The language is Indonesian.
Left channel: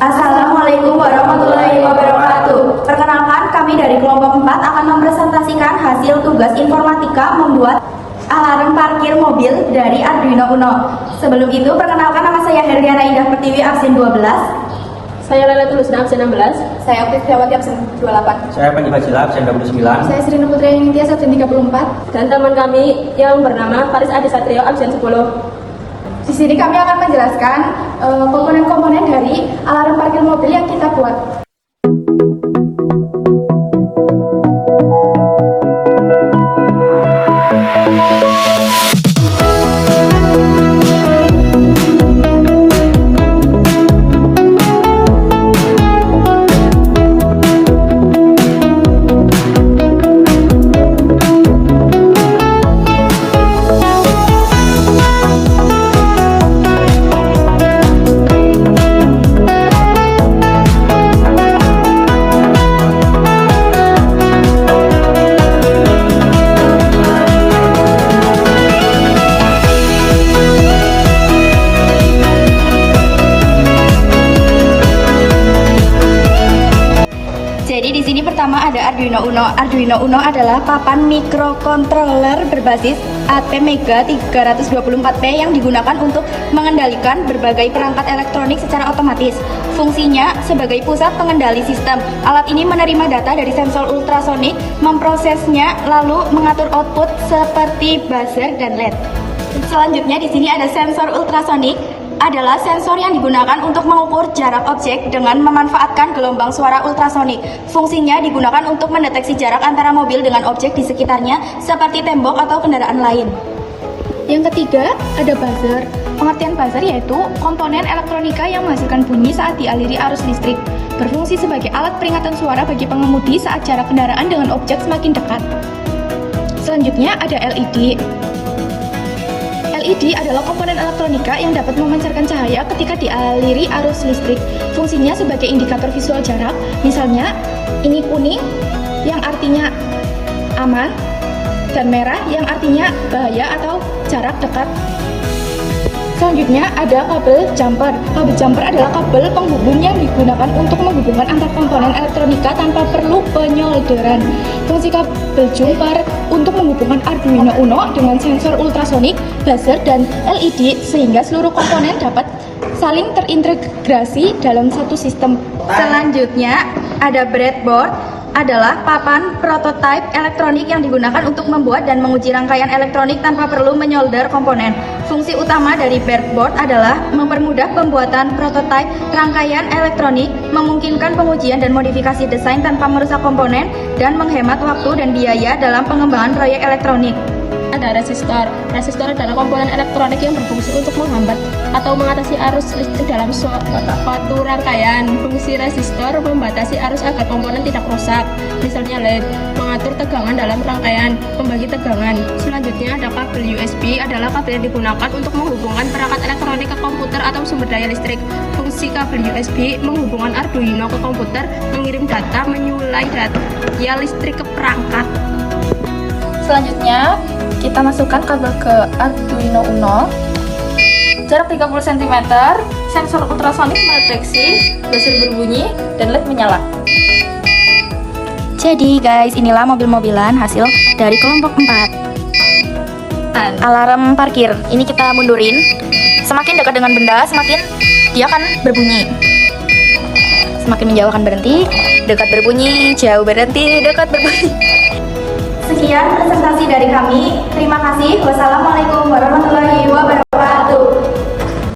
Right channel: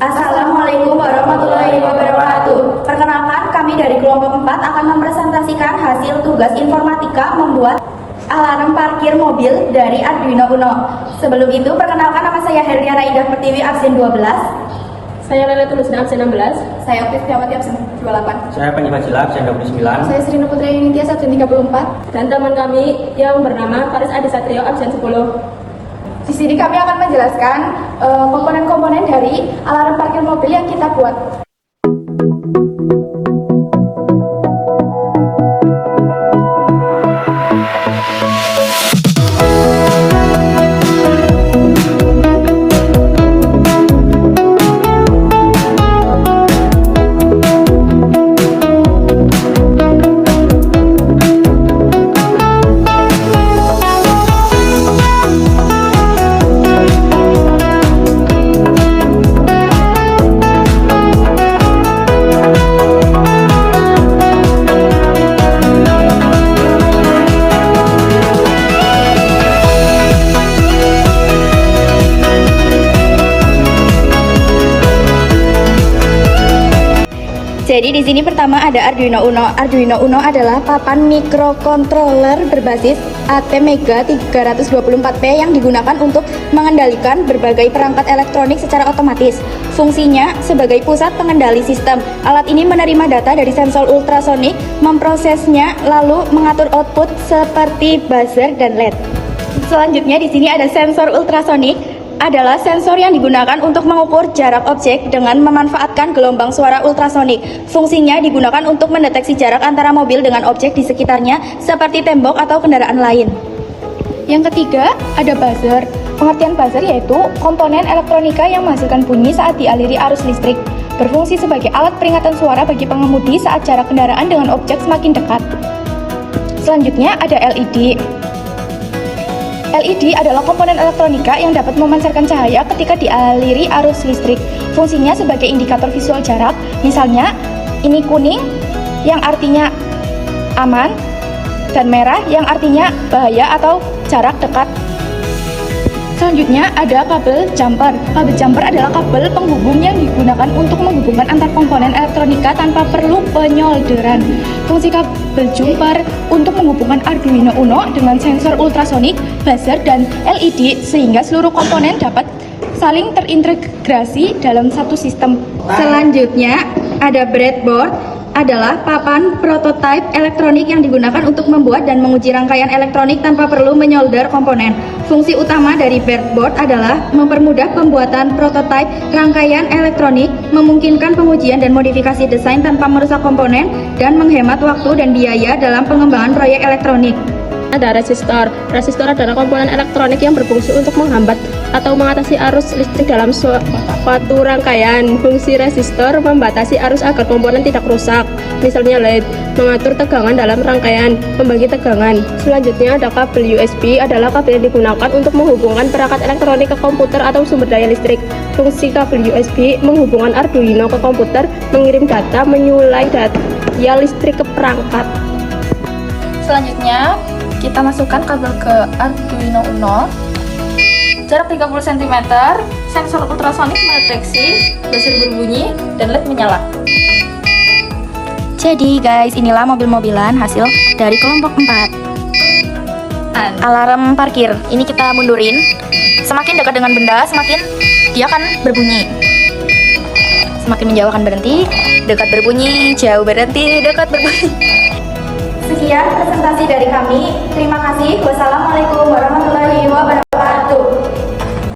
Assalamualaikum warahmatullahi wabarakatuh. Perkenalkan, kami dari kelompok 4 akan mempresentasikan hasil tugas informatika membuat alarm parkir mobil dari Arduino Uno. Sebelum itu, perkenalkan, nama saya Herdiana Indah Pertiwi, absen 12. Saya Lela Tulusna, absen 16. Saya Tiftiawati, absen 28. Saya Panji Fajila, absen 29. Saya Sri Putra Ningtyas, absen 34. Dan teman kami yang bernama Faris Adi Satrio, absen 10. Di sini kami akan menjelaskan komponen-komponen dari alarm parkir mobil yang kita buat. Jadi di sini pertama ada Arduino Uno. Arduino Uno adalah papan microcontroller berbasis ATmega 324P yang digunakan untuk mengendalikan berbagai perangkat elektronik secara otomatis. Fungsinya sebagai pusat pengendali sistem. Alat ini menerima data dari sensor ultrasonik, memprosesnya, lalu mengatur output seperti buzzer dan LED. Selanjutnya di sini ada sensor ultrasonik. Adalah sensor yang digunakan untuk mengukur jarak objek dengan memanfaatkan gelombang suara ultrasonik. Fungsinya digunakan untuk mendeteksi jarak antara mobil dengan objek di sekitarnya seperti tembok atau kendaraan lain. Yang ketiga, ada buzzer. Pengertian buzzer yaitu komponen elektronika yang menghasilkan bunyi saat dialiri arus listrik. Berfungsi sebagai alat peringatan suara bagi pengemudi saat jarak kendaraan dengan objek semakin dekat. Selanjutnya ada LED. LED adalah komponen elektronika yang dapat memancarkan cahaya ketika dialiri arus listrik. Fungsinya sebagai indikator visual jarak, misalnya ini kuning yang artinya aman dan merah yang artinya bahaya atau jarak dekat. Selanjutnya ada kabel jumper. Kabel jumper adalah kabel penghubung yang digunakan untuk menghubungkan antar komponen elektronika tanpa perlu penyolderan. Fungsi kabel jumper untuk menghubungkan Arduino Uno dengan sensor ultrasonik, buzzer, dan LED sehingga seluruh komponen dapat saling terintegrasi dalam satu sistem. Selanjutnya ada breadboard. Adalah papan prototipe elektronik yang digunakan untuk membuat dan menguji rangkaian elektronik tanpa perlu menyolder komponen. Fungsi utama dari breadboard adalah mempermudah pembuatan prototipe rangkaian elektronik, memungkinkan pengujian dan modifikasi desain tanpa merusak komponen, dan menghemat waktu dan biaya dalam pengembangan proyek elektronik. Ada resistor. Resistor adalah komponen elektronik yang berfungsi untuk menghambat atau mengatasi arus listrik dalam suatu rangkaian. Fungsi resistor membatasi arus agar komponen tidak rusak. Misalnya LED, mengatur tegangan dalam rangkaian, membagi tegangan. Selanjutnya ada kabel USB, adalah kabel yang digunakan untuk menghubungkan perangkat elektronik ke komputer atau sumber daya listrik. Fungsi kabel USB menghubungkan Arduino ke komputer, mengirim data, menyulai daya listrik ke perangkat. Selanjutnya, kita masukkan kabel ke Arduino Uno. Jarak 30 cm, sensor ultrasonik mendeteksi, buzzer berbunyi, dan LED menyala. Jadi guys, inilah mobil-mobilan hasil dari kelompok 4. Alarm parkir, ini kita mundurin. Semakin dekat dengan benda, semakin dia akan berbunyi. Semakin menjauh akan berhenti, dekat berbunyi, jauh berhenti, dekat berbunyi. Sekian presentasi dari kami. Terima kasih. Wassalamualaikum warahmatullahi wabarakatuh.